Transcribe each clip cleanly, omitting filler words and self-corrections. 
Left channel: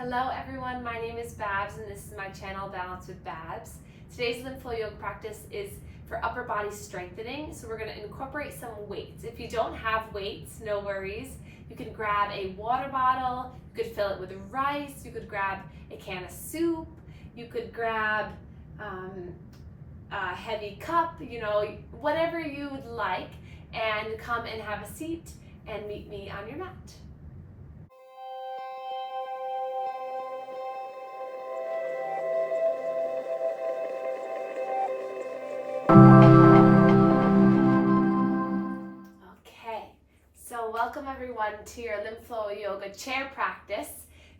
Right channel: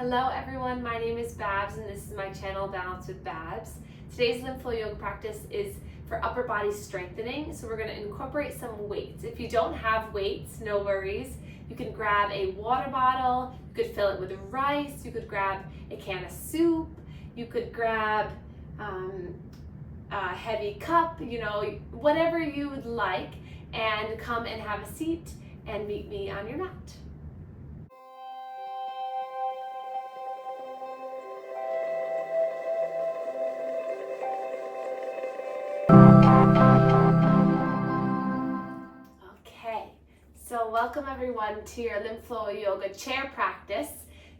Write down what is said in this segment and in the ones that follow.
Hello everyone, my name is Babz and this is my channel Balance with Babz. Today's lymph flow yoga practice is for upper body strengthening, so we're going to incorporate some weights. If you don't have weights, no worries. You can grab a water bottle, you could fill it with rice, you could grab a can of soup, you could grab a heavy cup, whatever you would like, and come and have a seat and meet me on your mat. So welcome everyone to your lymph flow yoga chair practice.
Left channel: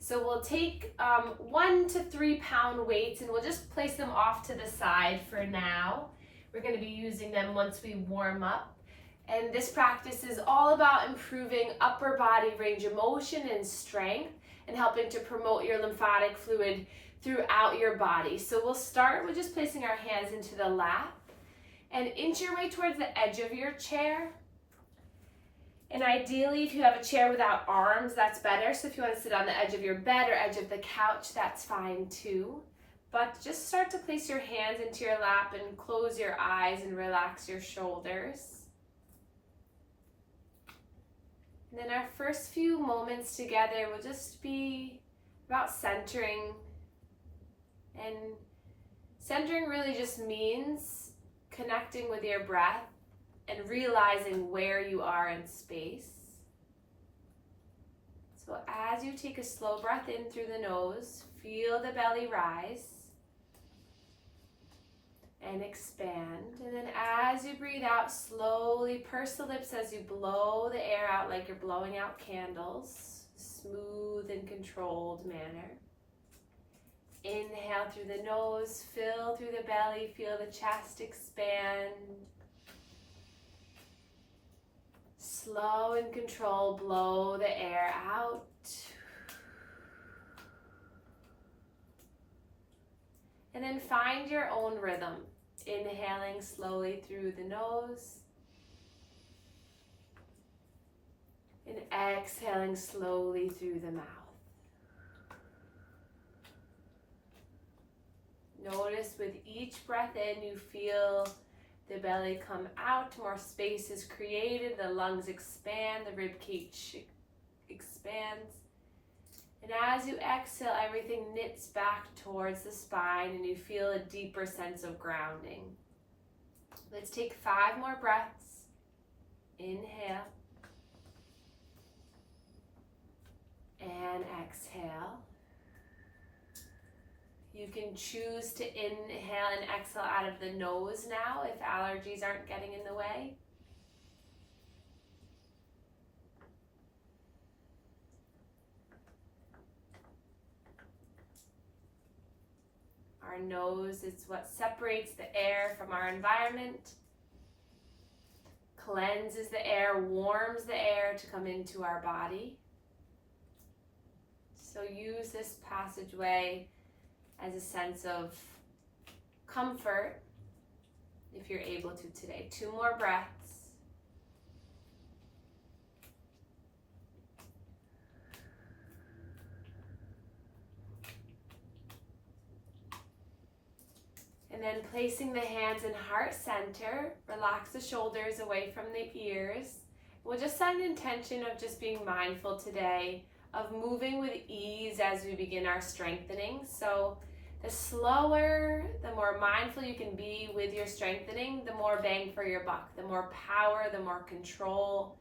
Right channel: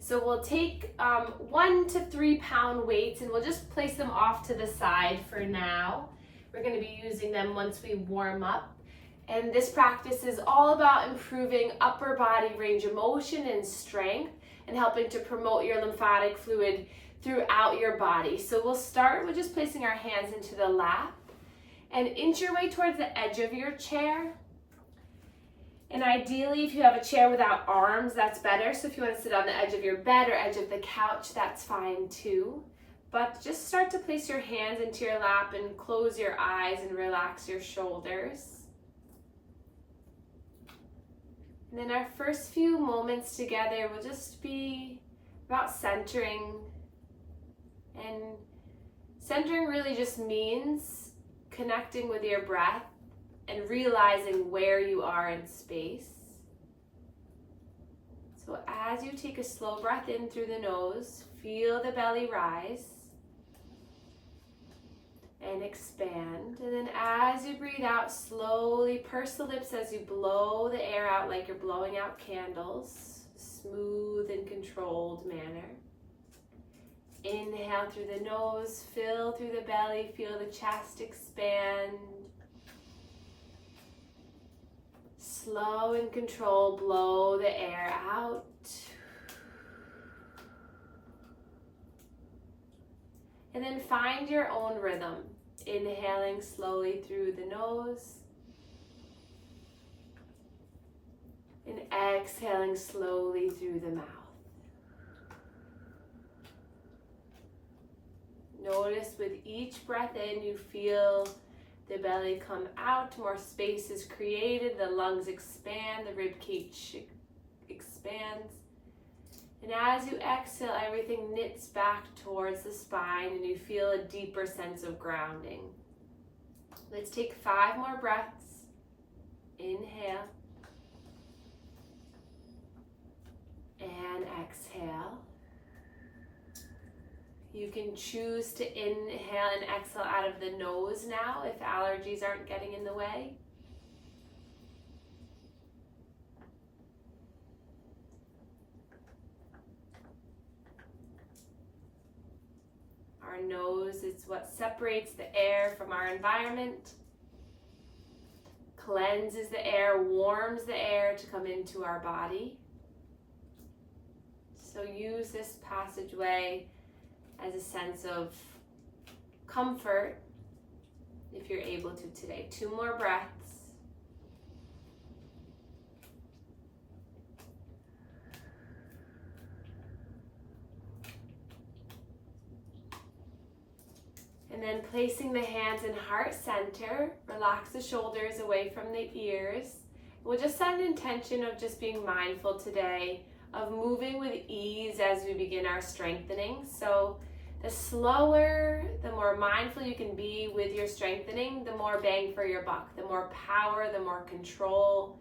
So we'll take 1 to 3 pound weights and we'll just place them off to the side for now. We're going to be using them once we warm up. And this practice is all about improving upper body range of motion and strength and helping to promote your lymphatic fluid throughout your body. So we'll start with just placing our hands into the lap and inch your way towards the edge of your chair. And ideally, if you have a chair without arms, that's better. So if you want to sit on the edge of your bed or edge of the couch, that's fine too. But just start to place your hands into your lap and close your eyes and relax your shoulders. And then our first few moments together will just be about centering. And centering really just means connecting with your breath and realizing where you are in space. So as you take a slow breath in through the nose, feel the belly rise and expand. And then as you breathe out, slowly purse the lips as you blow the air out like you're blowing out candles, smooth and controlled manner. Inhale through the nose, fill through the belly, feel the chest expand. Slow and controlled, blow the air out. And then find your own rhythm. Inhaling slowly through the nose. And exhaling slowly through the mouth. Notice with each breath in, you feel the belly come out, more space is created, the lungs expand, the rib cage expands. And as you exhale, everything knits back towards the spine and you feel a deeper sense of grounding. Let's take 5 more breaths. Inhale. And exhale. You can choose to inhale and exhale out of the nose now if allergies aren't getting in the way. Our nose is what separates the air from our environment, cleanses the air, warms the air to come into our body. So use this passageway as a sense of comfort, if you're able to today. 2 more breaths. And then placing the hands in heart center, relax the shoulders away from the ears. We'll just set an intention of just being mindful today, of moving with ease as we begin our strengthening. So the slower, the more mindful you can be with your strengthening, the more bang for your buck, the more power, the more control,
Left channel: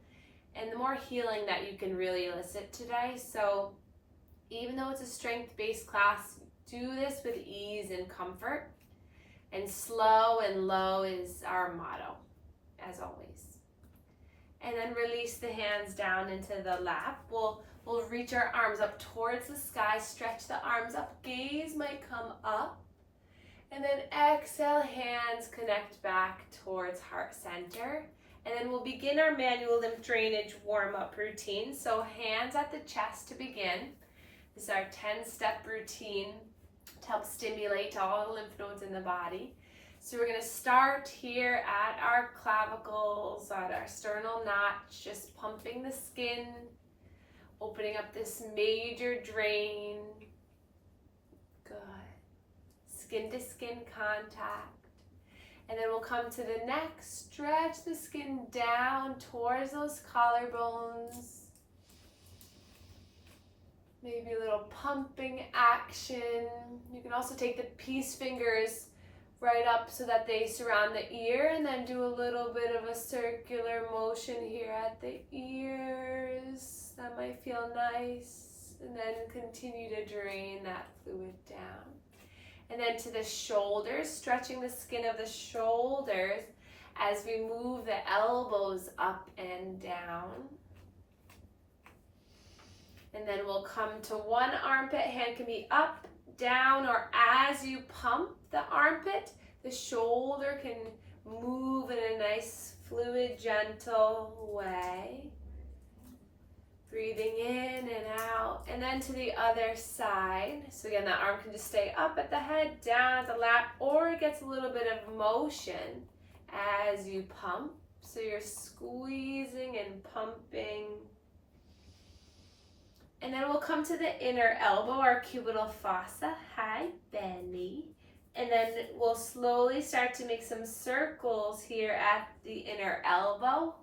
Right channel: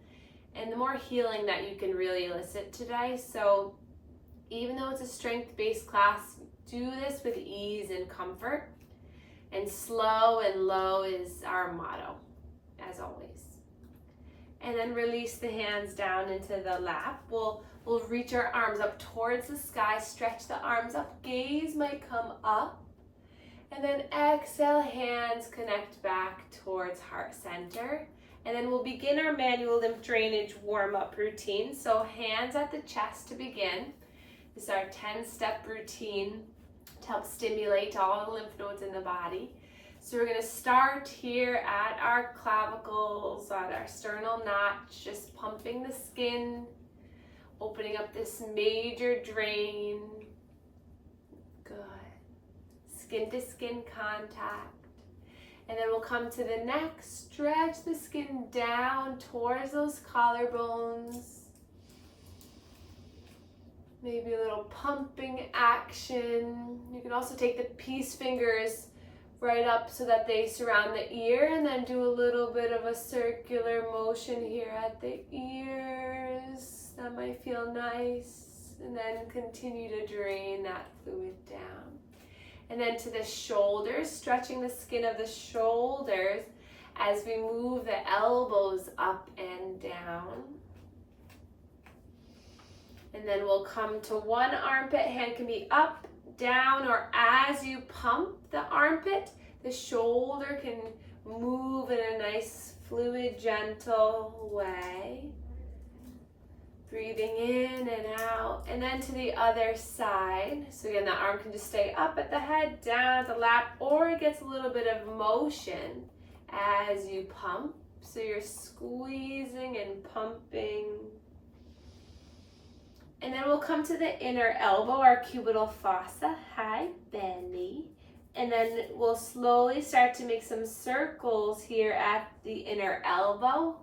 and the more healing that you can really elicit today. So even though it's a strength-based class, do this with ease and comfort. And slow and low is our motto, as always. And then release the hands down into the lap. We'll reach our arms up towards the sky, stretch the arms up, gaze might come up. And then exhale, hands connect back towards heart center. And then we'll begin our manual lymph drainage warm-up routine. So hands at the chest to begin. This is our 10-step routine to help stimulate all the lymph nodes in the body. So we're going to start here at our clavicles, at our sternal notch, just pumping the skin, opening up this major drain skin to skin contact. And then we'll come to the neck, stretch the skin down towards those collarbones. Maybe a little pumping action. You can also take the peace fingers right up so that they surround the ear, and then do a little bit of a circular motion here at the ears. That might feel nice. And then continue to drain that fluid down. And then to the shoulders, stretching the skin of the shoulders as we move the elbows up and down. And then we'll come to one armpit. Hand can be up, down, or as you pump the armpit, the shoulder can move in a nice, fluid, gentle way. Breathing in and out, and then to the other side. So again, that arm can just stay up at the head, down at the lap, or it gets a little bit of motion as you pump. So you're squeezing and pumping. And then we'll come to the inner elbow, our cubital fossa. Hi, Benny. And then we'll slowly start to make some circles here at the inner elbow,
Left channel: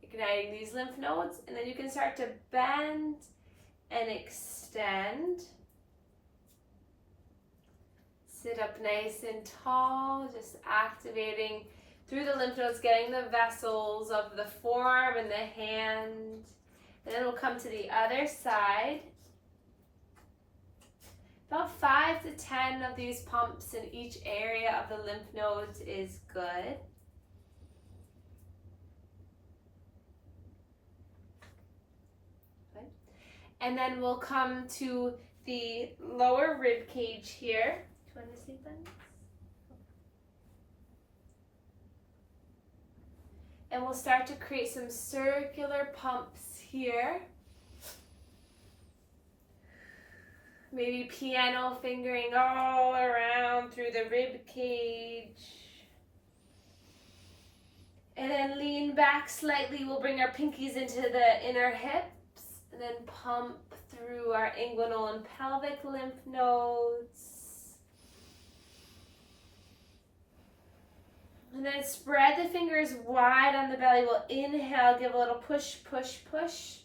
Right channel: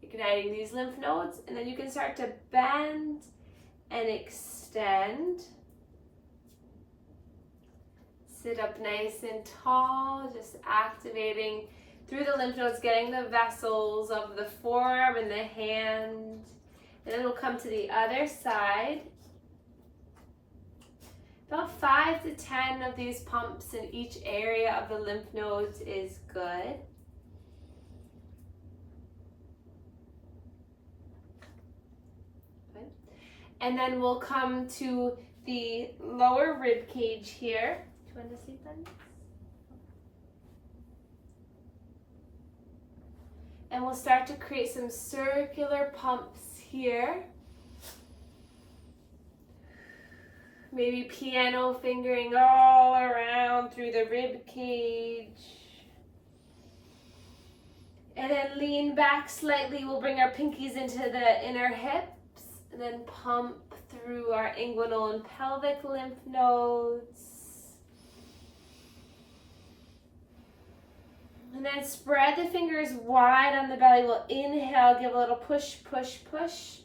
igniting these lymph nodes, and then you can start to bend and extend. Sit up nice and tall, just activating through the lymph nodes, getting the vessels of the forearm and the hand. And then we'll come to the other side. About 5 to 10 of these pumps in each area of the lymph nodes is good. And then we'll come to the lower rib cage here. Do you want to see that? And we'll start to create some circular pumps here. Maybe piano fingering all around through the rib cage. And then lean back slightly. We'll bring our pinkies into the inner hip. And then pump through our inguinal and pelvic lymph nodes. And then spread the fingers wide on the belly. We'll inhale, give a little push, push, push.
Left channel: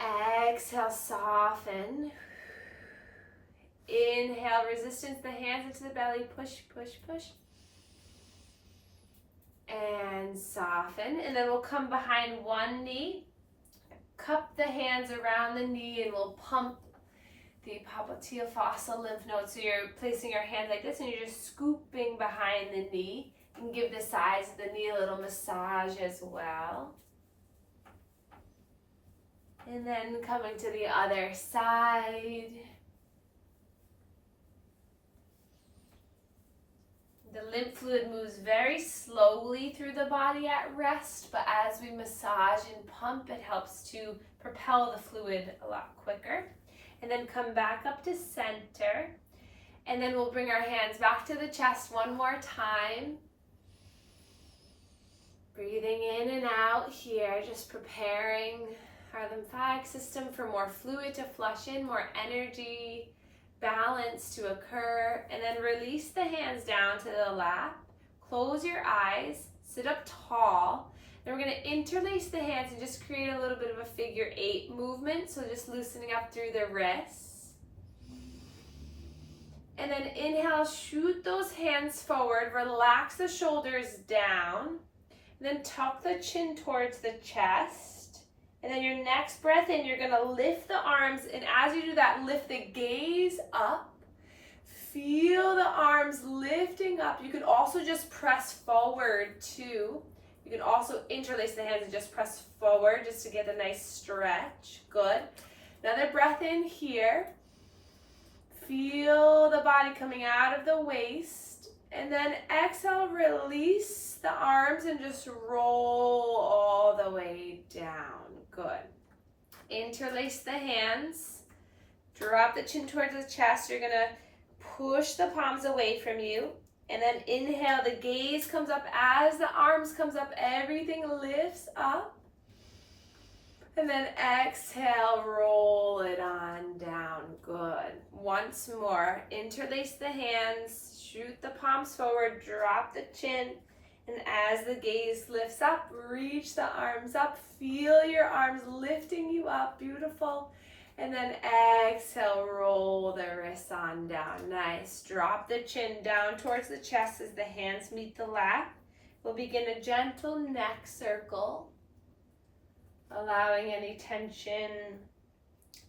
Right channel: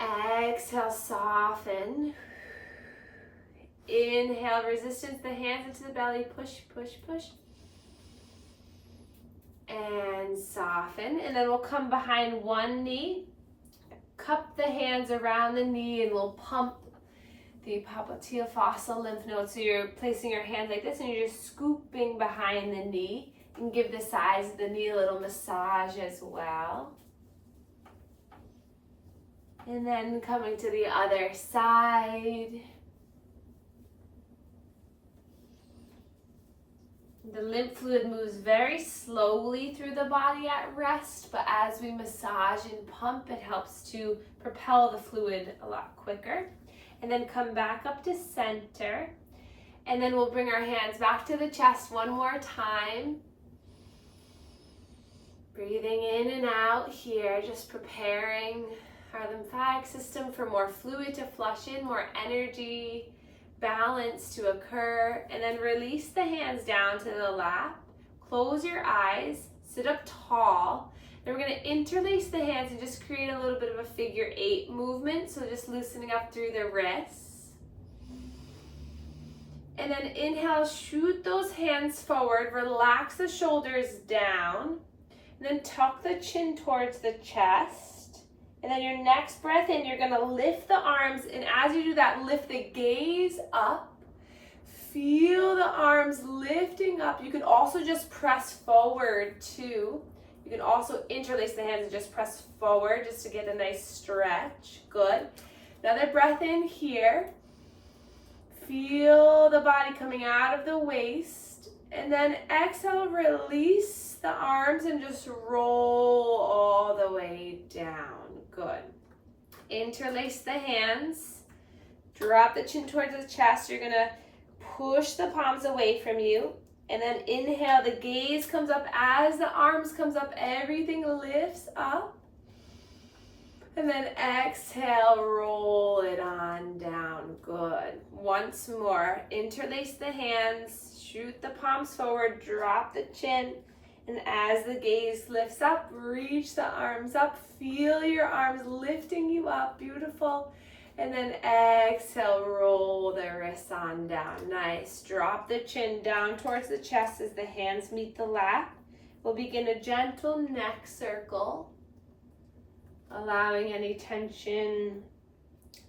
Exhale, soften. Inhale, resistance, the hands into the belly, push, push, push. And soften. And then we'll come behind one knee. Cup the hands around the knee, and we'll pump the popliteal lymph nodes. So you're placing your hands like this, and you're just scooping behind the knee. And give the sides of the knee a little massage as well. And then coming to the other side. The lymph fluid moves very slowly through the body at rest, but as we massage and pump, it helps to propel the fluid a lot quicker. And then come back up to center. And then we'll bring our hands back to the chest one more time. Breathing in and out here, just preparing our lymphatic system for more fluid to flush in, more energy, balance to occur. And then release the hands down to the lap. Close your eyes, sit up tall. Then we're going to interlace the hands and just create a little bit of a figure 8 movement. So just loosening up through the wrists. And then inhale, shoot those hands forward, relax the shoulders down. And then tuck the chin towards the chest. And then your next breath in, you're going to lift the arms. And as you do that, lift the gaze up. Feel the arms lifting up. You can also just press forward too. You can also interlace the hands and just press forward just to get a nice stretch. Good. Another breath in here. Feel the body coming out of the waist. And then exhale, release the arms and just roll all the way down. Good. Interlace the hands. Drop the chin towards the chest. You're going to push the palms away from you. And then inhale, the gaze comes up. As the arms comes up, everything lifts up. And then exhale, roll it on down. Good. Good. Once more, interlace the hands, shoot the palms forward, drop the chin, and as the gaze lifts up, reach the arms up, feel your arms lifting you up, beautiful. And then exhale, roll the wrists on down. Nice. Drop the chin down towards the chest as the hands meet the lap. We'll begin a gentle neck circle, allowing any tension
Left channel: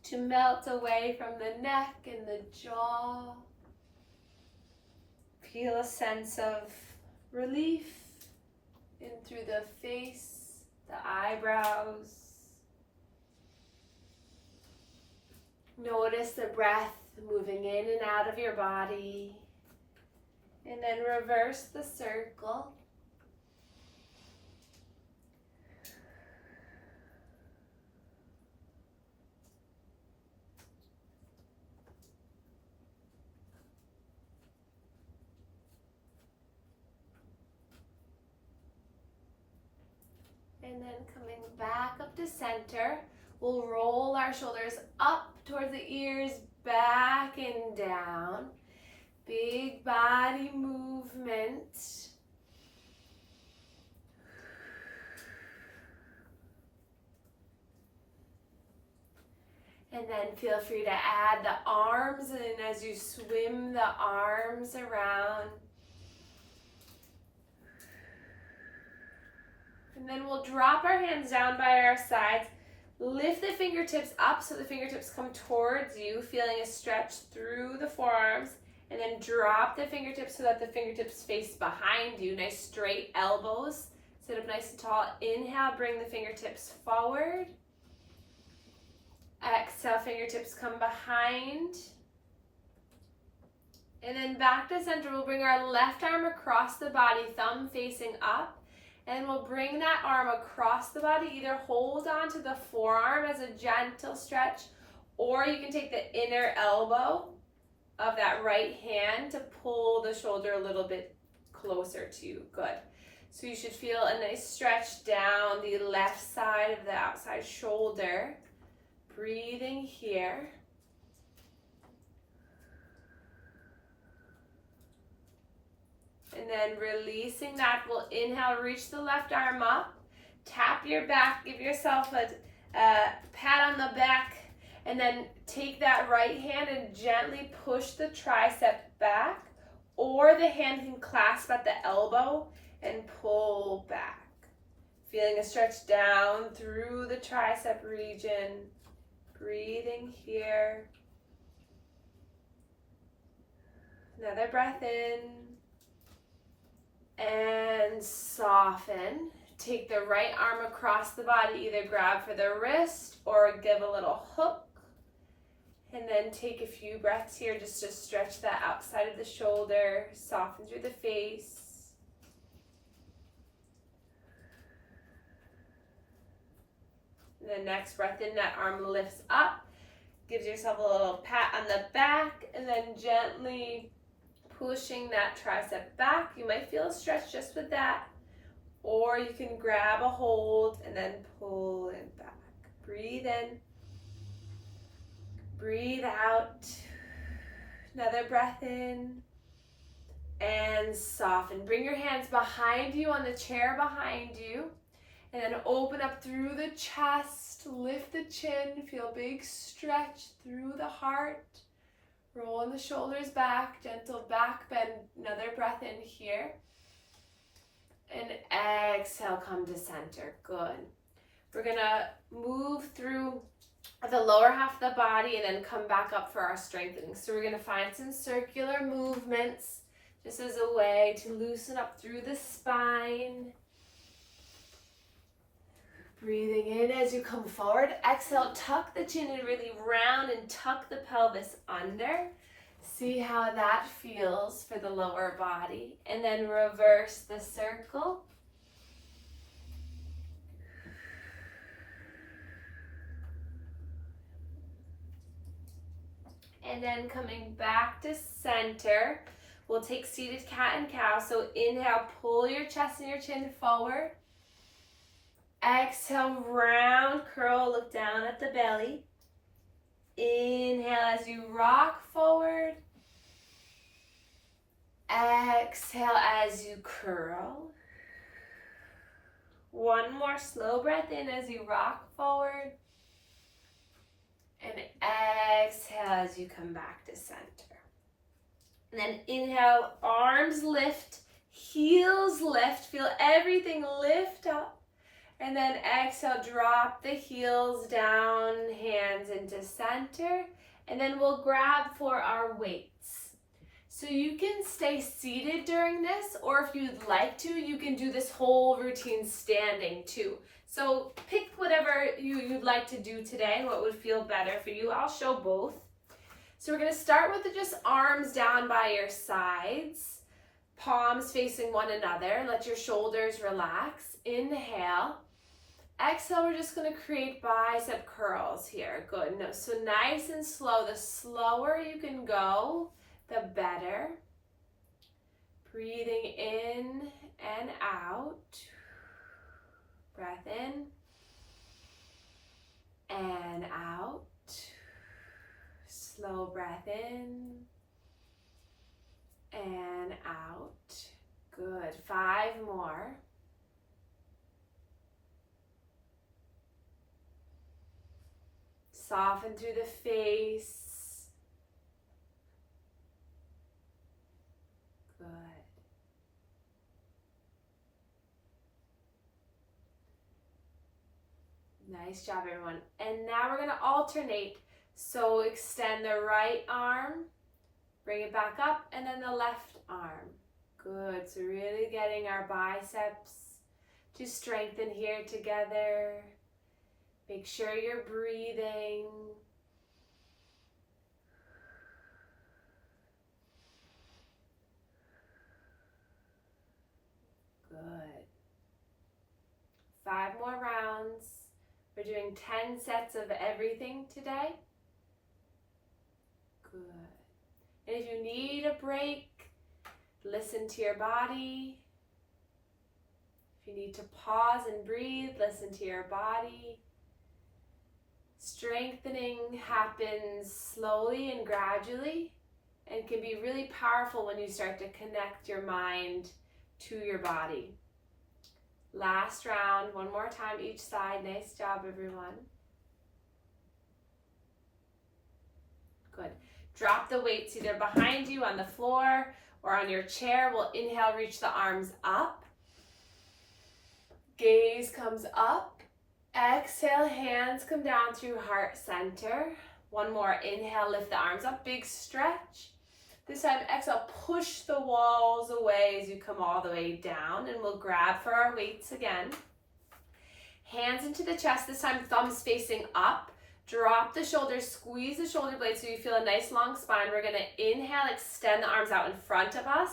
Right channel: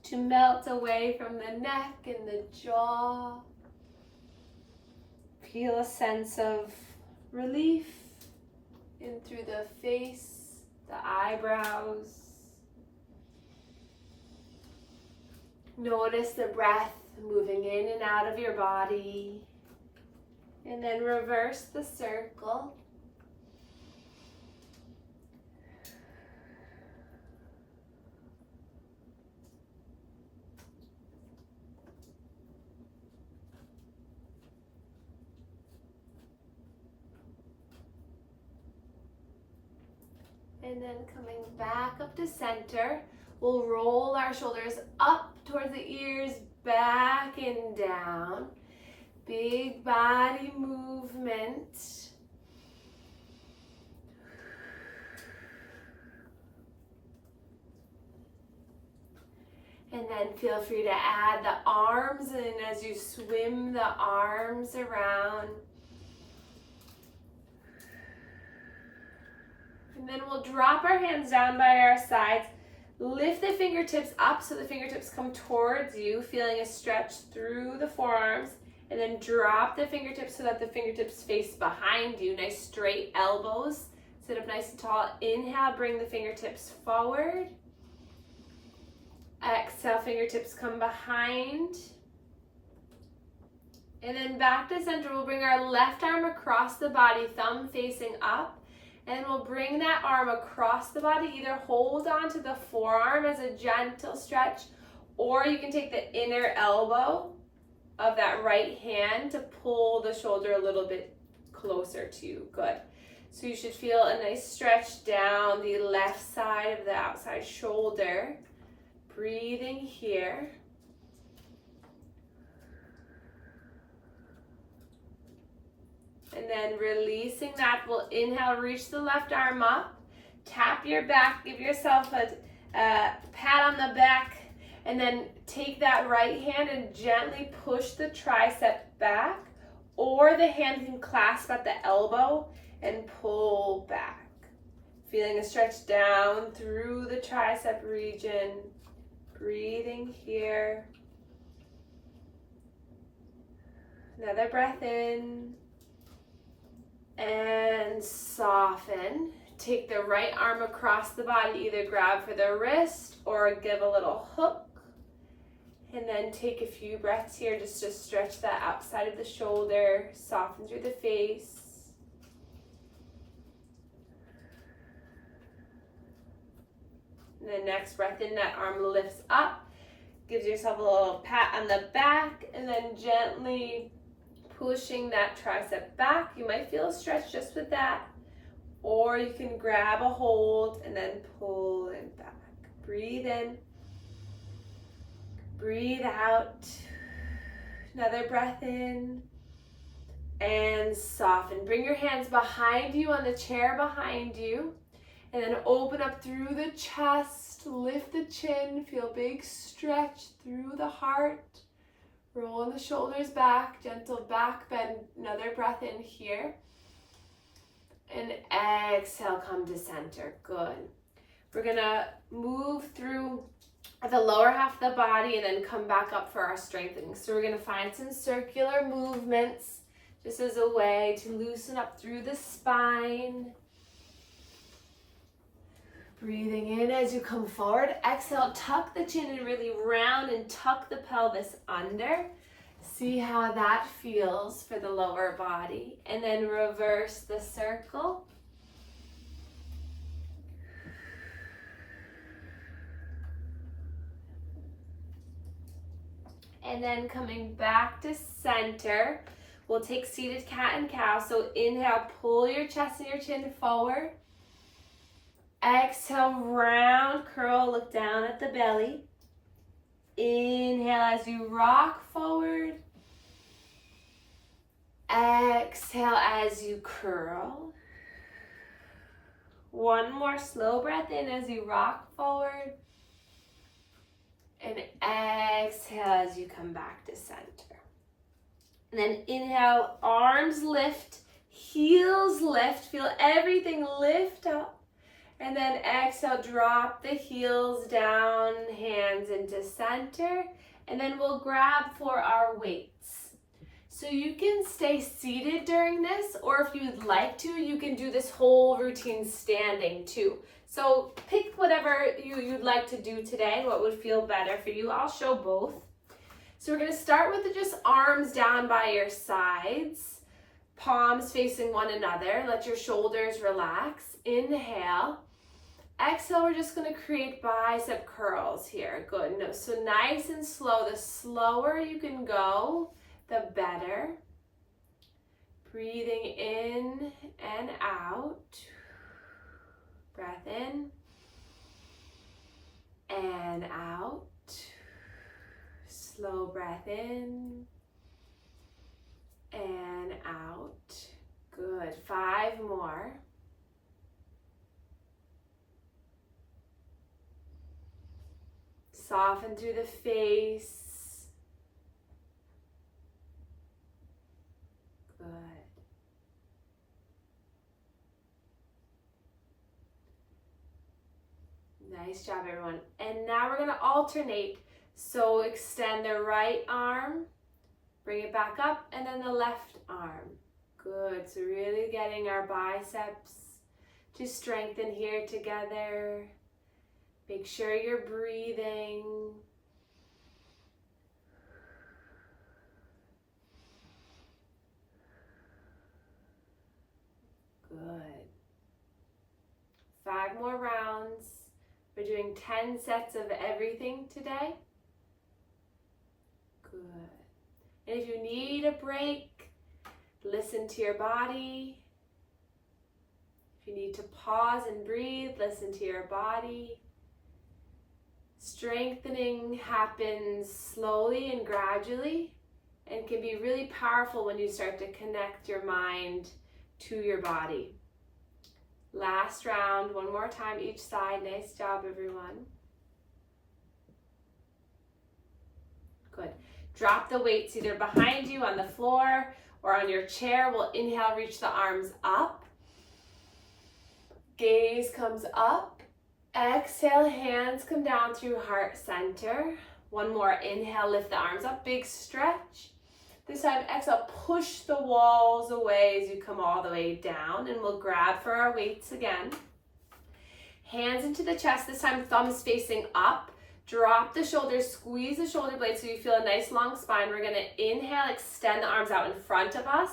to melt away from the neck and the jaw. Feel a sense of relief in through the face, the eyebrows. Notice the breath moving in and out of your body. And then reverse the circle. And then coming back up to center, we'll roll our shoulders up towards the ears, back and down. Big body movement. And then feel free to add the arms in as you swim the arms around. And then we'll drop our hands down by our sides. Lift the fingertips up so the fingertips come towards you, feeling a stretch through the forearms. And then drop the fingertips so that the fingertips face behind you. Nice straight elbows. Sit up nice and tall. Inhale, bring the fingertips forward. Exhale, fingertips come behind. And then back to center, we'll bring our left arm across the body, thumb facing up. And we'll bring that arm across the body. Either hold on to the forearm as a gentle stretch, or you can take the inner elbow of that right hand to pull the shoulder a little bit closer to you. Good. So you should feel a nice stretch down the left side of the outside shoulder. Breathing here. And then releasing that, we'll inhale, reach the left arm up, tap your back, give yourself a pat on the back, and then take that right hand and gently push the tricep back, or the hand can clasp at the elbow and pull back. Feeling a stretch down through the tricep region, breathing here. Another breath in. And soften. Take the right arm across the body, either grab for the wrist or give a little hook. And then take a few breaths here just to stretch that outside of the shoulder, soften through the face. And the next breath in, that arm lifts up, gives yourself a little pat on the back, and then gently pushing that tricep back. You might feel a stretch just with that, or you can grab a hold and then pull it back. Breathe in, breathe out. Another breath in, and soften. Bring your hands behind you on the chair behind you, and then open up through the chest, lift the chin, feel big stretch through the heart. Rolling the shoulders back, gentle back bend. Another breath in here. And exhale, come to center. Good. We're gonna move through the lower half of the body and then come back up for our strengthening. So we're gonna find some circular movements just as a way to loosen up through the spine. Breathing in as you come forward. Exhale, tuck the chin and really round and tuck the pelvis under. See how that feels for the lower body. And then reverse the circle. And then coming back to center, we'll take seated cat and cow. So inhale, pull your chest and your chin forward. Exhale, round curl, look down at the belly. Inhale as you rock forward. Exhale as you curl. One more slow breath in as you rock forward. And exhale as you come back to center. And then inhale, arms lift, heels lift. Feel everything lift up. And then exhale, drop the heels down, hands into center. And then we'll grab for our weights. So you can stay seated during this, or if you'd like to, you can do this whole routine standing too. So pick whatever you'd like to do today, what would feel better for you. I'll show both. So we're gonna start with just arms down by your sides, palms facing one another. Let your shoulders relax. Inhale. Exhale, we're just gonna create bicep curls here. Good. No, so nice and slow. The slower you can go, the better. Breathing in and out. Breath in and out. Slow breath in and out. Good. 5 more. Soften through the face. Good. Nice job, everyone. And now we're going to alternate. So extend the right arm, bring it back up, and then the left arm. Good. So really getting our biceps to strengthen here together. Make sure you're breathing. Good. 5 more rounds. We're doing 10 sets of everything today. Good. And if you need a break, listen to your body. If you need to pause and breathe, listen to your body. Strengthening happens slowly and gradually and can be really powerful when you start to connect your mind to your body. Last round, one more time each side. Nice job, everyone. Good. Drop the weights either behind you on the floor or on your chair. We'll inhale, reach the arms up. Gaze comes up. Exhale, hands come down through heart center. One more, inhale, lift the arms up, big stretch. This time, exhale, push the walls away as you come all the way down, and we'll grab for our weights again. Hands into the chest, this time thumbs facing up. Drop the shoulders, squeeze the shoulder blades so you feel a nice long spine. We're gonna inhale, extend the arms out in front of us,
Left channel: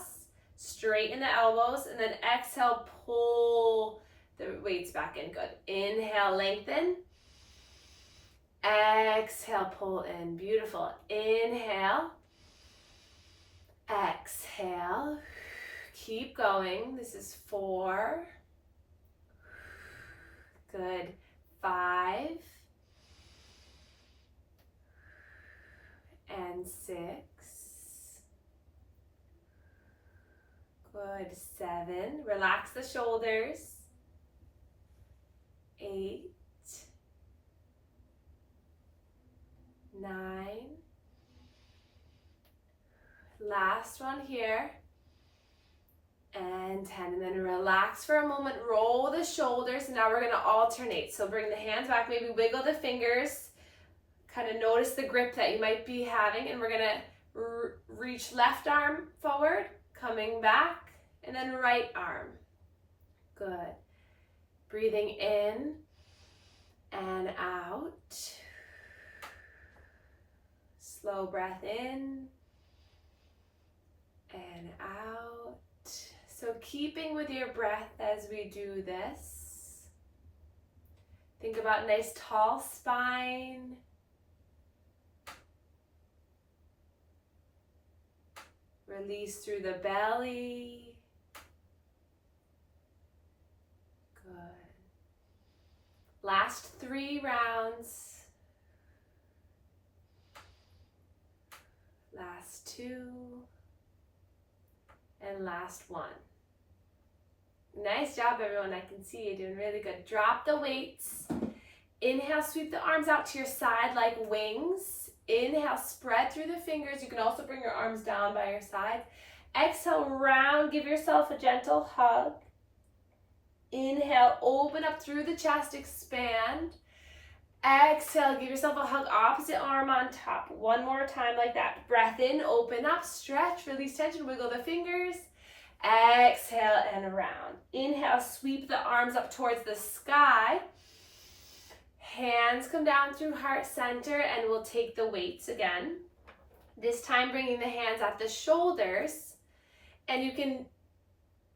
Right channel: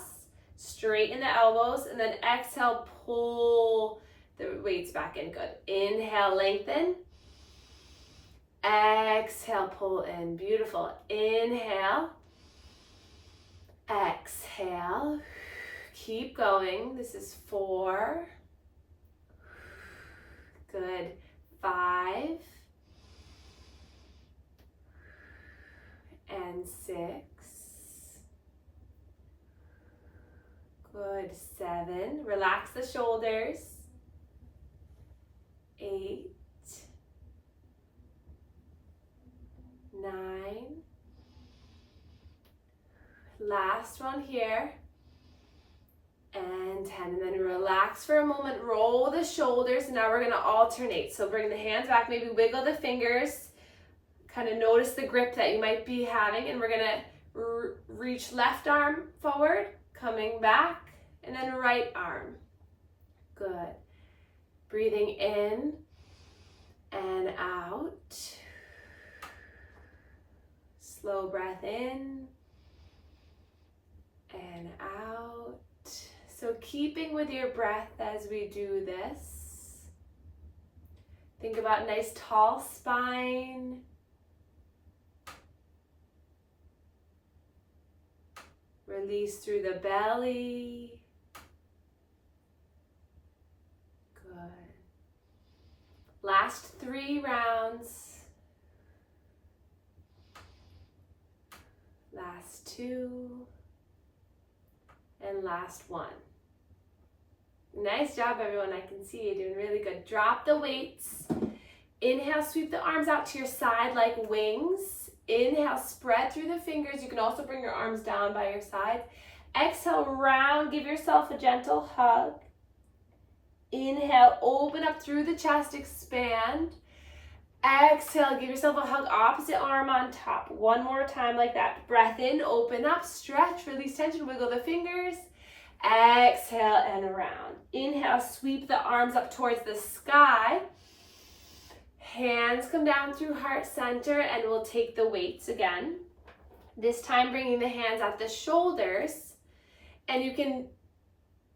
straighten the elbows, and then exhale, pull the weights back in. Good. Inhale, lengthen. Exhale, pull in. Beautiful. Inhale. Exhale. Keep going. This is 4. Good. 5. And 6. Good. 7. Relax the shoulders. 8, 9, last one here, and 10. And then relax for a moment, roll the shoulders, and now we're going to alternate. So bring the hands back, maybe wiggle the fingers, kind of notice the grip that you might be having, and we're going to reach left arm forward, coming back, and then right arm. Good. Breathing in and out. Slow breath in and out. So keeping with your breath as we do this. Think about nice tall spine. Release through the belly. Last 3 rounds. Last 2. And last 1. Nice job, everyone. I can see you doing really good. Drop the weights. Inhale, sweep the arms out to your side like wings. Inhale, spread through the fingers. You can also bring your arms down by your sides. Exhale, round. Give yourself a gentle hug. Inhale, open up through the chest, expand. Exhale, give yourself a hug, opposite arm on top. One more time like that. Breath in, open up, stretch, release tension, wiggle the fingers. Exhale and around. Inhale, sweep the arms up towards the sky. Hands come down through heart center, and we'll take the weights again. This time bringing the hands at the shoulders. And you can,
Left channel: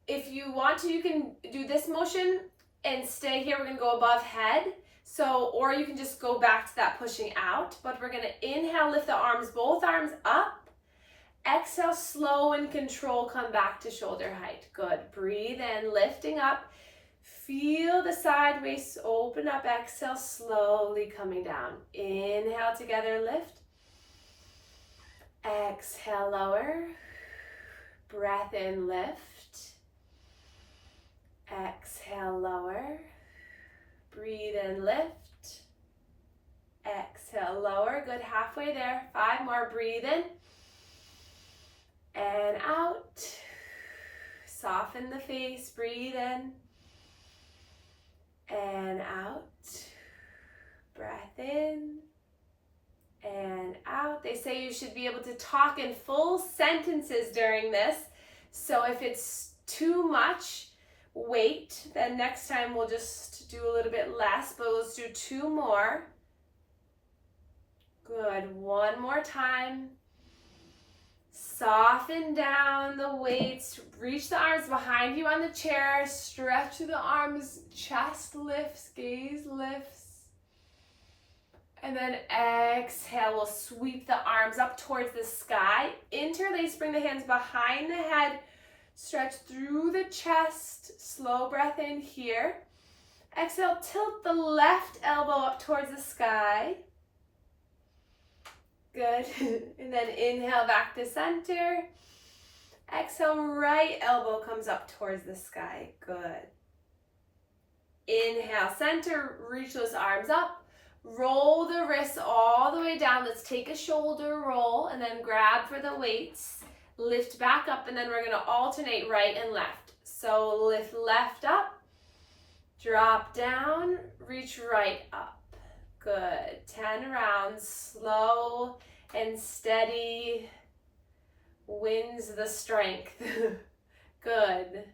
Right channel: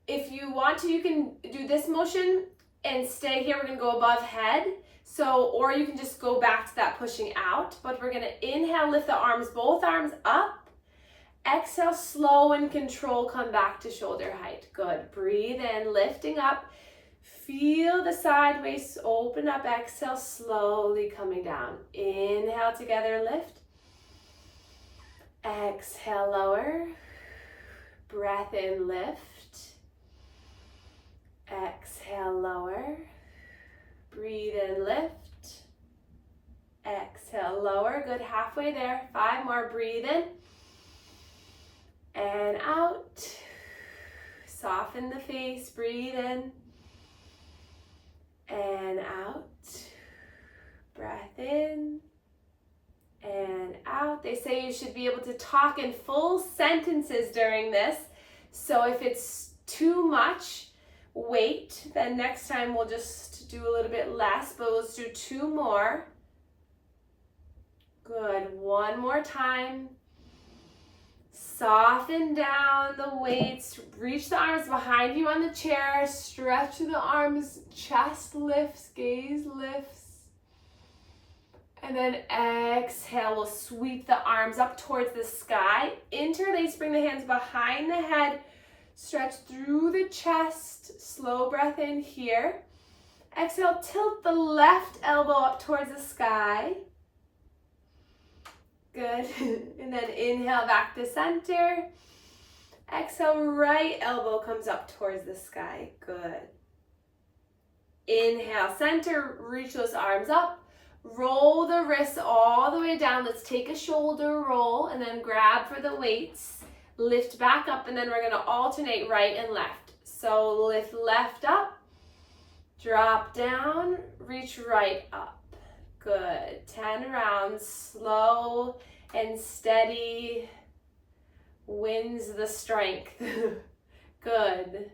if you want to, you can do this motion and stay here. We're gonna go above head. So, or you can just go back to that pushing out, but we're gonna inhale, lift the arms, both arms up. Exhale, slow and control, come back to shoulder height. Good, breathe in, lifting up. Feel the side waist open up, exhale, slowly coming down. Inhale together, lift. Exhale, lower. Breath in, lift. Exhale, lower. Breathe in, lift. Exhale, lower. Good, halfway there. 5 more, breathe in. And out. Soften the face, breathe in. And out. Breath in. And out. They say you should be able to talk in full sentences during this. So if it's too much weight, then next time we'll just do a little bit less, but let's do 2 more. Good, 1 more time. Soften down the weights, reach the arms behind you on the chair, stretch through the arms, chest lifts, gaze lifts. And then exhale, we'll sweep the arms up towards the sky. Interlace, bring the hands behind the head, stretch through the chest, slow breath in here. Exhale, tilt the left elbow up towards the sky. Good. And then inhale back to center. Exhale, right elbow comes up towards the sky. Good. Inhale, center, reach those arms up. Roll the wrists all the way down. Let's take a shoulder roll and then grab for the weights. Lift back up, and then we're going to alternate right and left. So lift left up, drop down, reach right up. Good. 10 rounds, slow and steady wins the strength. Good.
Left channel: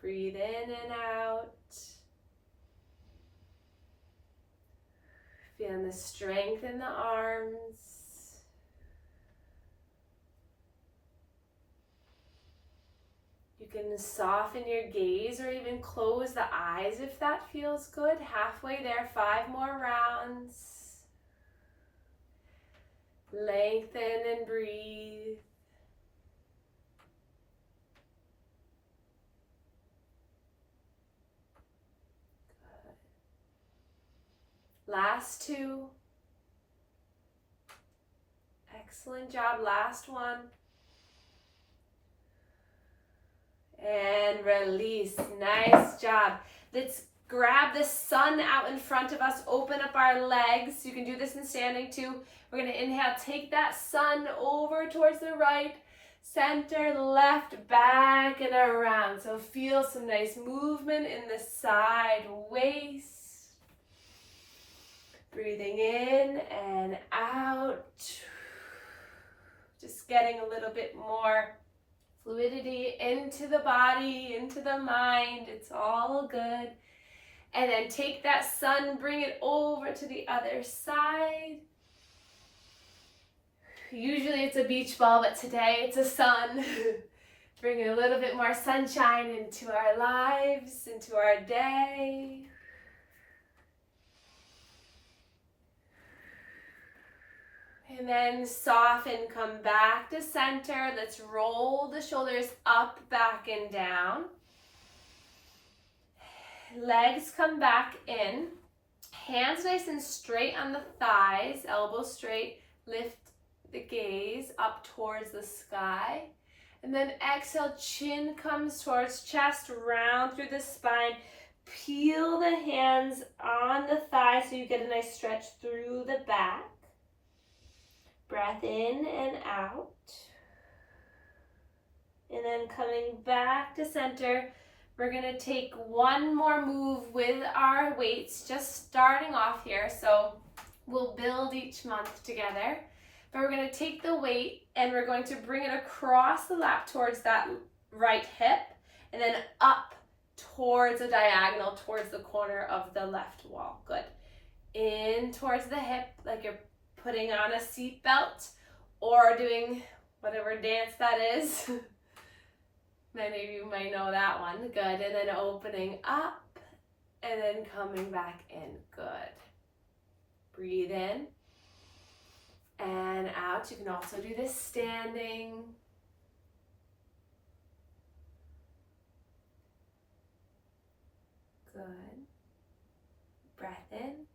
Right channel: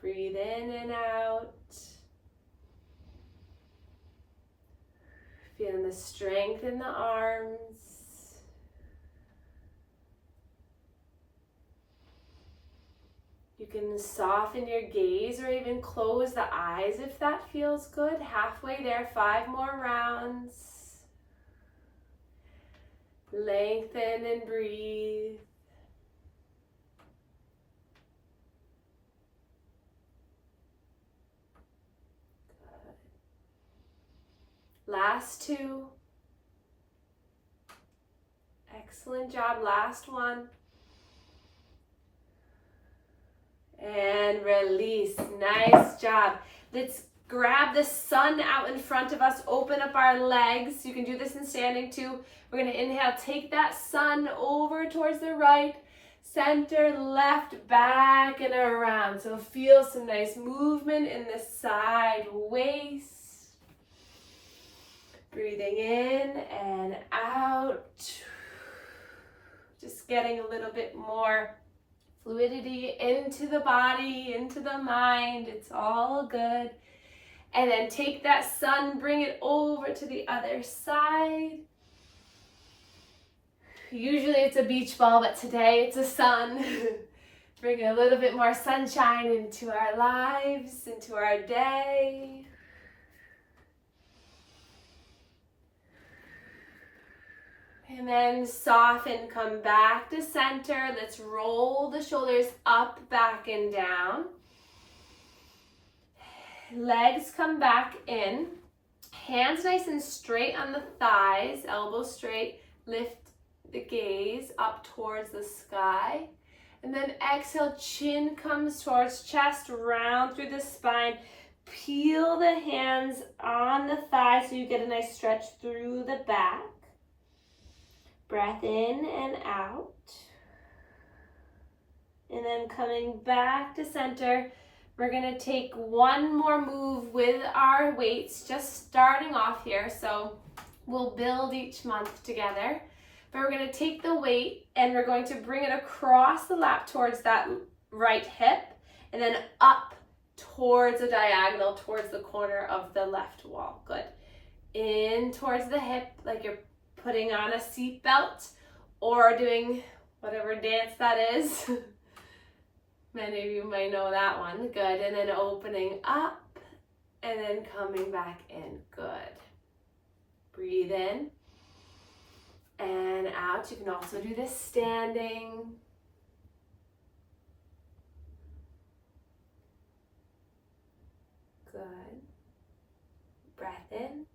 Breathe in and out. Feeling the strength in the arms. You can soften your gaze or even close the eyes if that feels good. Halfway there, 5 more rounds. Lengthen and breathe. Good. Last 2. Excellent job. Last 1. And release. Nice job. Let's grab the sun out in front of us. Open up our legs. You can do this in standing too. We're going to inhale. Take that sun over towards the right, center, left, back, and around. So feel some nice movement in the side waist. Breathing in and out. Just getting a little bit more fluidity into the body, into the mind. It's all good. And then take that sun, bring it over to the other side. Usually it's a beach ball, but today it's a sun. Bring a little bit more sunshine into our lives, into our day. And then soften, come back to center. Let's roll the shoulders up, back, and down. Legs come back in. Hands nice and straight on the thighs, elbows straight. Lift the gaze up towards the sky. And then exhale, chin comes towards chest, round through the spine. Peel the hands on the thigh so you get a nice stretch through the back. Breath in and out. And then coming back to center, we're gonna take one more move with our weights, just starting off here. So we'll build each month together. But we're gonna take the weight and we're going to bring it across the lap towards that right hip and then up towards a diagonal, towards the corner of the left wall. Good. In towards the hip, like you're putting on a seat belt or doing whatever dance that is. Many of you might know that one. Good. And then opening up and then coming back in. Good. Breathe in and out. You can also do this standing. Good. Breath in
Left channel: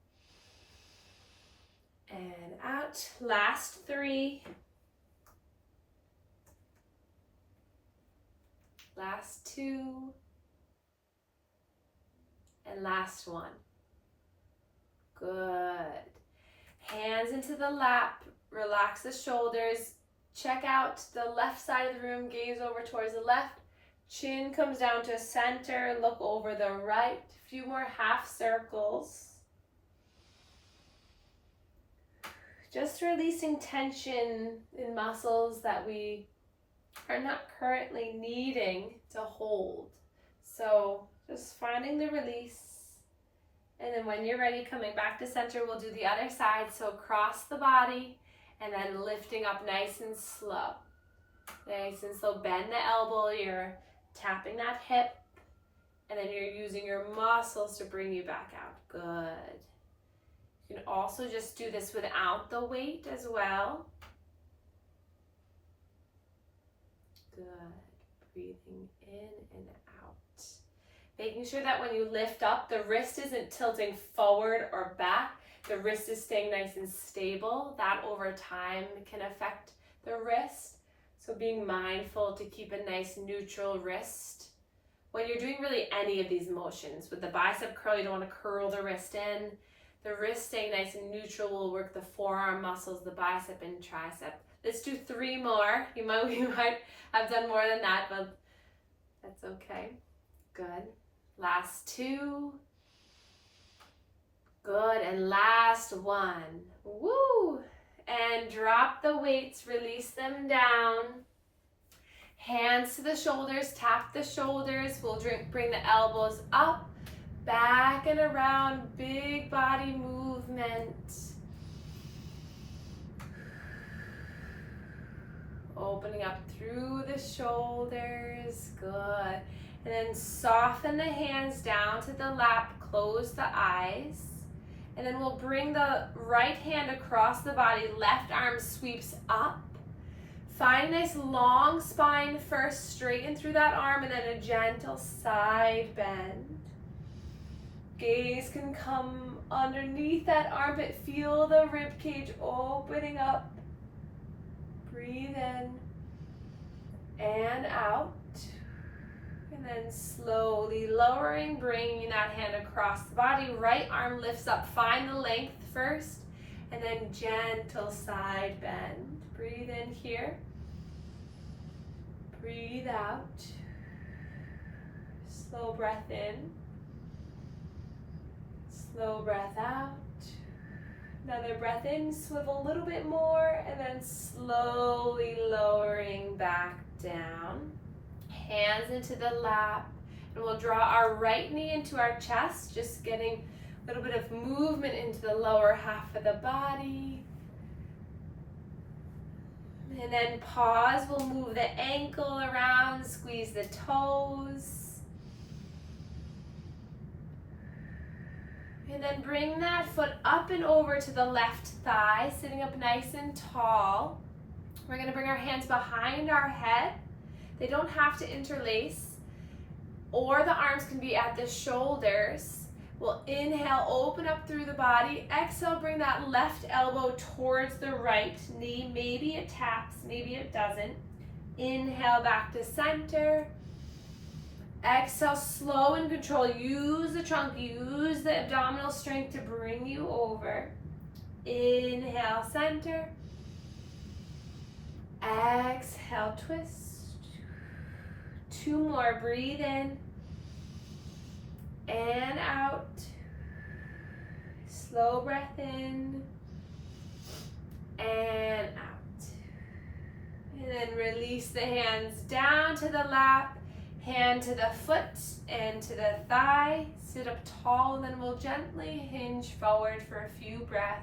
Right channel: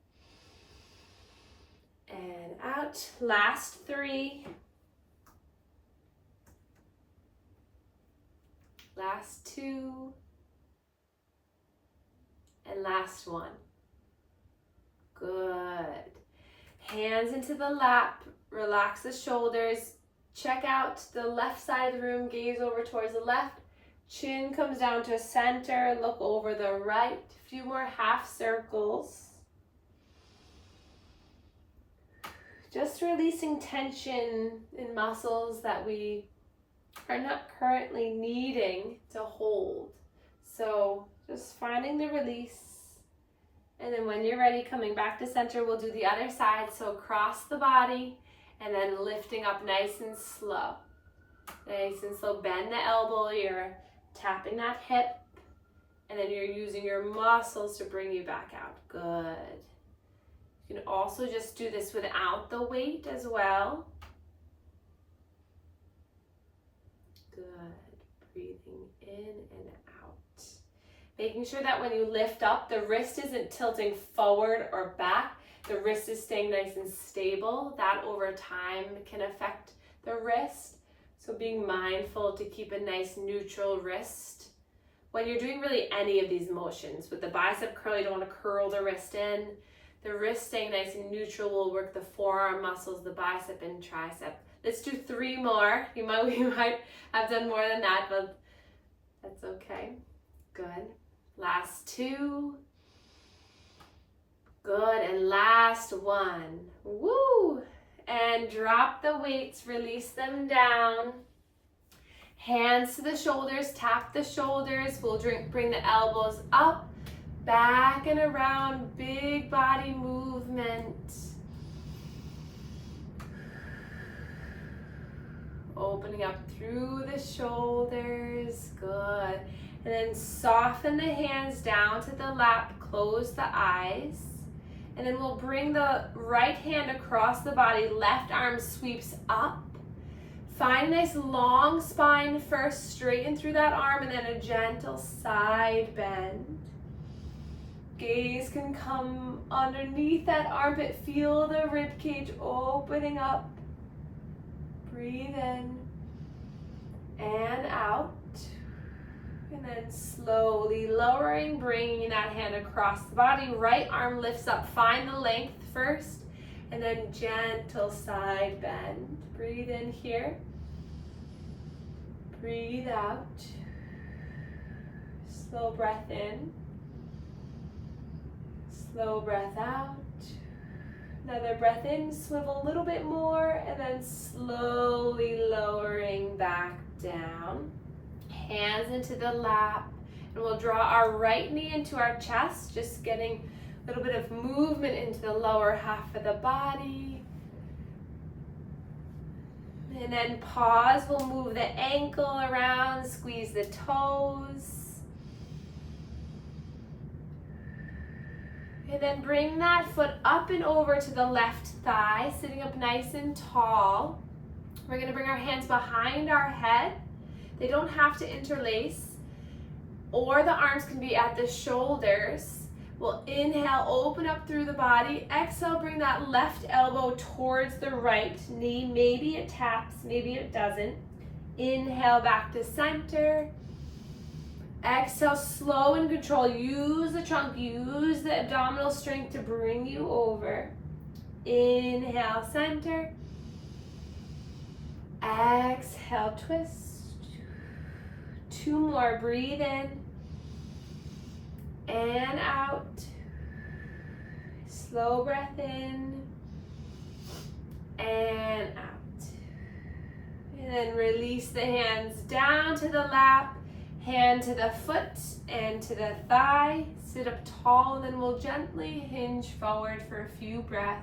and out. Last 3. Last 2. And last 1. Good. Hands into the lap. Relax the shoulders. Check out the left side of the room. Gaze over towards the left. Chin comes down to center. Look over the right. A few more half circles. Just releasing tension in muscles that we are not currently needing to hold. So just finding the release. And then when you're ready, coming back to center, we'll do the other side. So across the body and then lifting up nice and slow. Nice and slow. Bend the elbow. You're tapping that hip. And then you're using your muscles to bring you back out. Good. You can also just do this without the weight as well. Good. Breathing in and out. Making sure that when you lift up, the wrist isn't tilting forward or back. The wrist is staying nice and stable. That over time can affect the wrist. So being mindful to keep a nice neutral wrist. When you're doing really any of these motions, with the bicep curl, you don't want to curl the wrist in. The wrist staying nice and neutral will work the forearm muscles, the bicep and tricep. Let's do 3 more. You might have done more than that, but that's okay. Good. Last 2. Good. And last 1. Woo! And drop the weights, release them down. Hands to the shoulders, tap the shoulders. We'll bring the elbows up, back and around, big body movement. Opening up through the shoulders, good. And then soften the hands down to the lap, close the eyes. And then we'll bring the right hand across the body, left arm sweeps up. Find a nice long spine first, straighten through that arm, and then a gentle side bend. Gaze can come underneath that armpit. Feel the rib cage opening up. Breathe in and out. And then slowly lowering, bringing that hand across the body. Right arm lifts up. Find the length first. And then gentle side bend. Breathe in here. Breathe out. Slow breath in. Slow breath out. Another breath in, swivel a little bit more, and then slowly lowering back down. Hands into the lap, and we'll draw our right knee into our chest, just getting a little bit of movement into the lower half of the body. And then pause, we'll move the ankle around, squeeze the toes. And then bring that foot up and over to the left thigh, sitting up nice and tall. We're going to bring our hands behind our head. They don't have to interlace, or the arms can be at the shoulders, We'll inhale, open up through the body. Exhale, bring that left elbow towards the right knee. Maybe it taps, maybe it doesn't. Inhale back to center. Exhale, slow and control. Use the trunk, use the abdominal strength to bring you over. Inhale, center. Exhale, twist. 2 more, breathe in and out. Slow breath in and out. And then release the hands down to the lap, hand to the foot and to the thigh. Sit up tall, and then we'll gently hinge forward for a few breaths.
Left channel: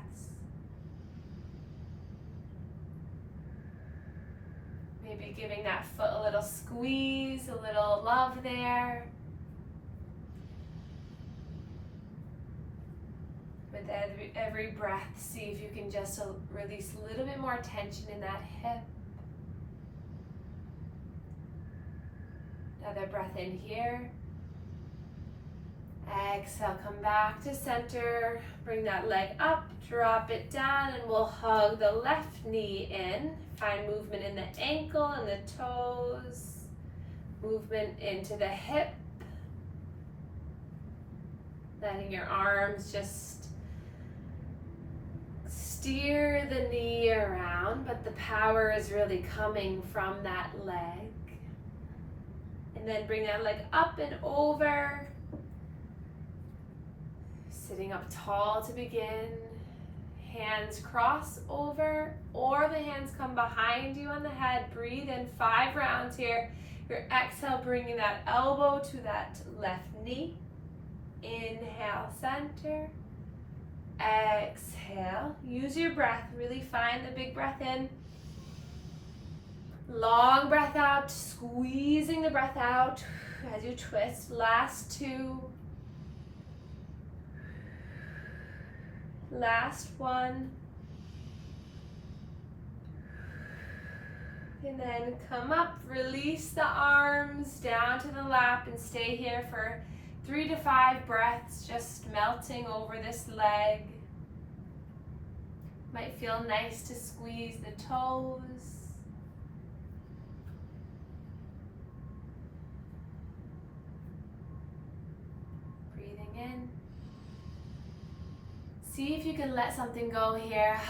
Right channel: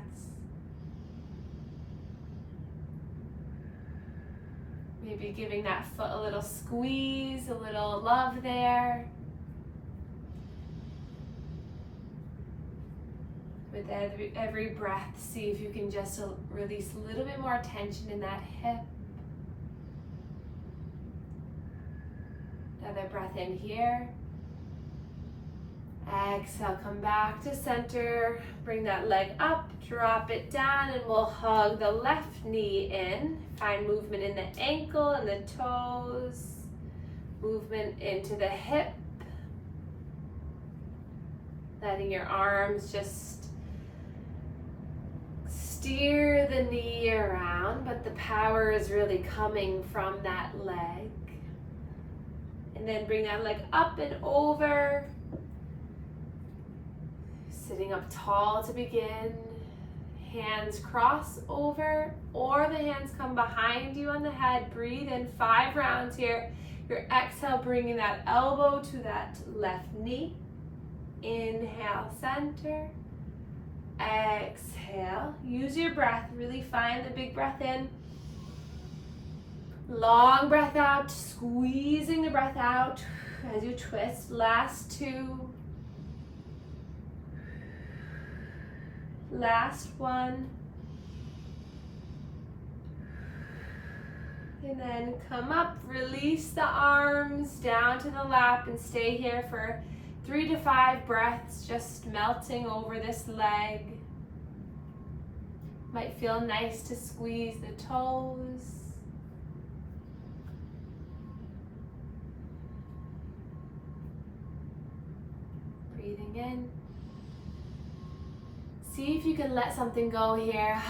Maybe giving that foot a little squeeze, a little love there. With every breath, see if you can just release a little bit more tension in that hip. Another breath in here. Exhale, come back to center. Bring that leg up, drop it down, and we'll hug the left knee in. Find movement in the ankle and the toes. Movement into the hip. Letting your arms just steer the knee around, but the power is really coming from that leg. And then bring that leg up and over. Sitting up tall to begin. Hands cross over, or the hands come behind you on the head. Breathe in 5 rounds here. Your exhale, bringing that elbow to that left knee. Inhale, center. Exhale. Use your breath. Really find the big breath in. Long breath out, squeezing the breath out as you twist. Last 2. Last 1. And then come up, release the arms down to the lap and stay here for 3 to 5 breaths, just melting over this leg. Might feel nice to squeeze the toes. Breathing in. See if you can let something go here.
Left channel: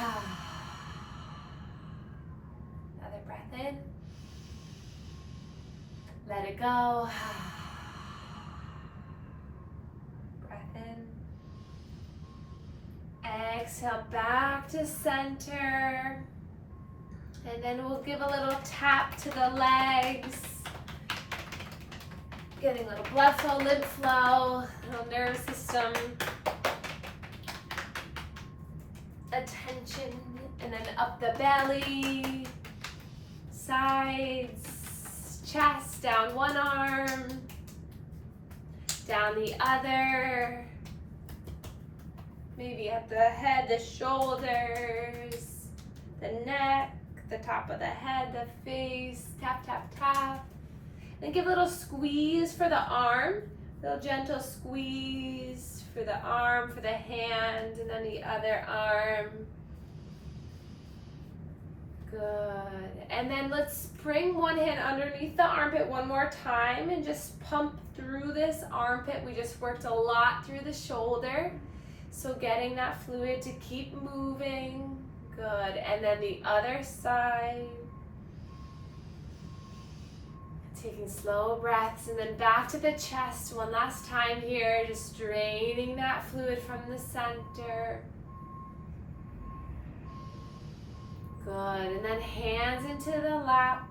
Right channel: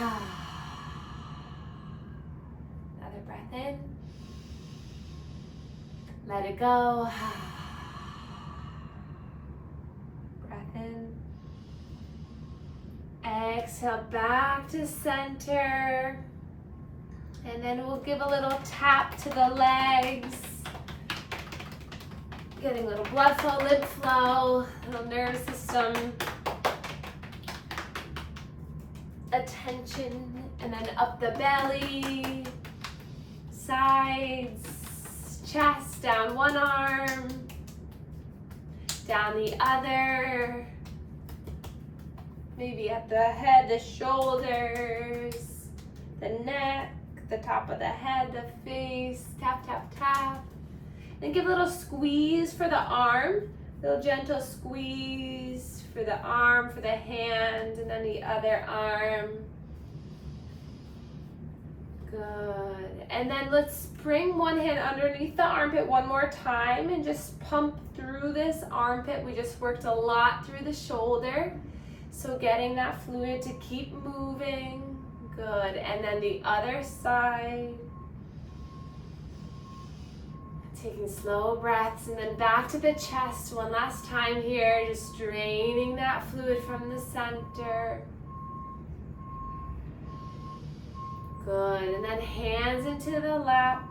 Another breath in. Let it go. Breath in. Exhale back to center. And then we'll give a little tap to the legs. Getting a little blood flow, lymph flow, little nervous system attention, and then up the belly, sides, chest, down one arm, down the other, maybe at the head, the shoulders, the neck, the top of the head, the face, tap, tap, tap. Then give a little squeeze for the arm, little gentle squeeze for the arm, for the hand, and then the other arm. Good. And then let's bring one hand underneath the armpit one more time and just pump through this armpit. We just worked a lot through the shoulder. So getting that fluid to keep moving. Good. And then the other side. Taking slow breaths, and then back to the chest one last time here, just draining that fluid from the center. Good, and then hands into the lap.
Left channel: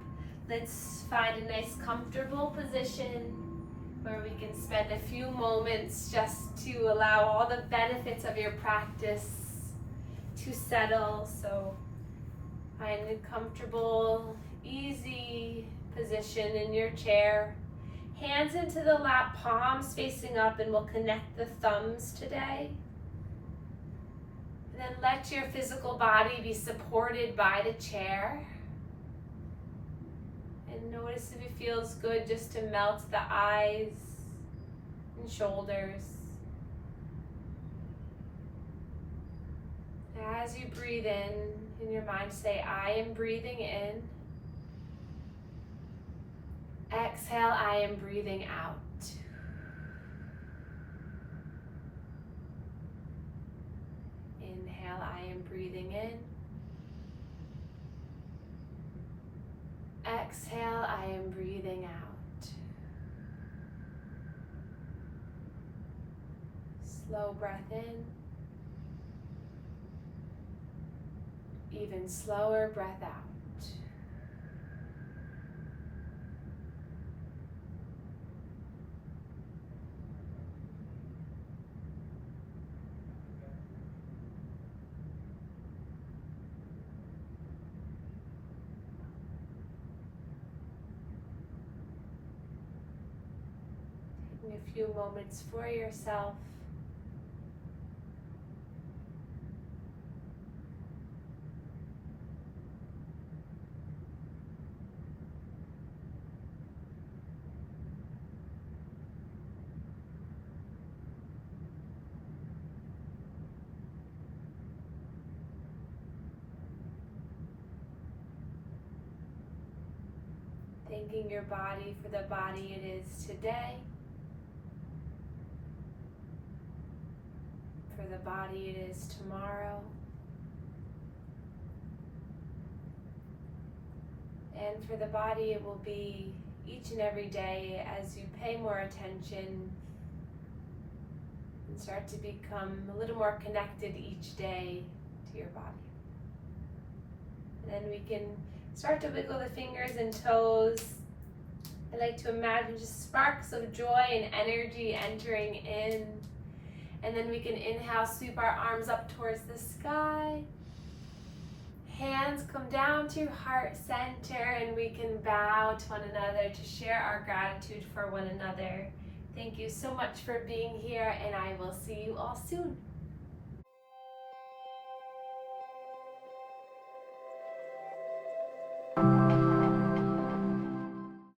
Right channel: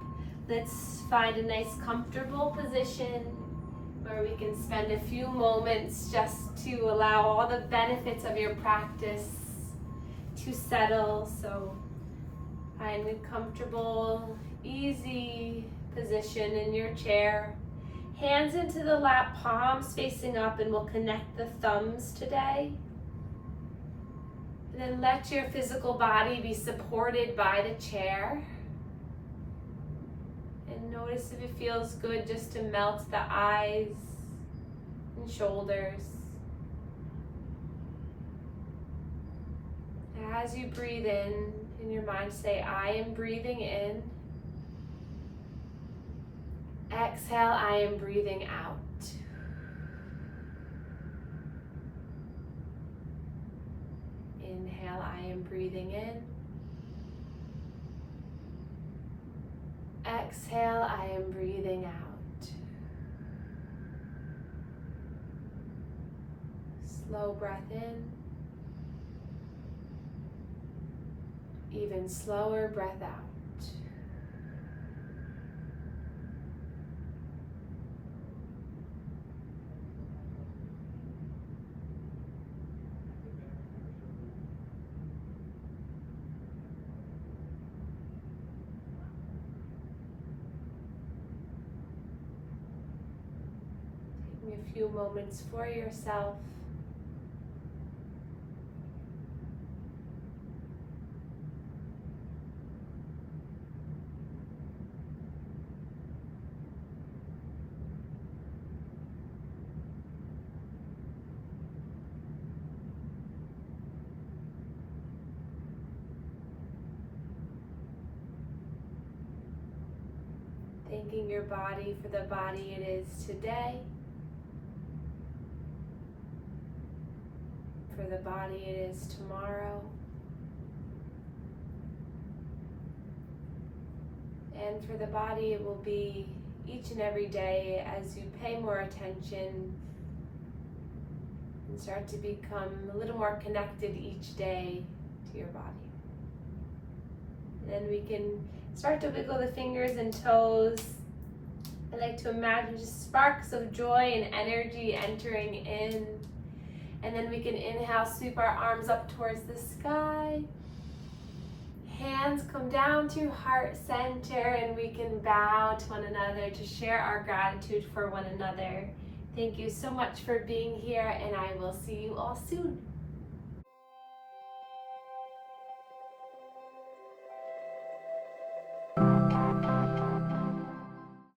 Let's find a nice comfortable position where we can spend a few moments just to allow all the benefits of your practice to settle. So find a comfortable, easy position in your chair. Hands into the lap, palms facing up, and we'll connect the thumbs today. And then let your physical body be supported by the chair. And notice if it feels good just to melt the eyes and shoulders. As you breathe in your mind, say, I am breathing in. Exhale, I am breathing out. Inhale, I am breathing in. Exhale, I am breathing out. Slow breath in. Even slower breath out. Taking a few moments for yourself. Thanking your body for the body it is today, for the body it is tomorrow, and for the body it will be each and every day as you pay more attention and start to become a little more connected each day to your body. And then we can start to wiggle the fingers and toes. I like to imagine just sparks of joy and energy entering in. And then we can inhale, sweep our arms up towards the sky. Hands come down to heart center, and we can bow to one another to share our gratitude for one another. Thank you so much for being here, and I will see you all soon.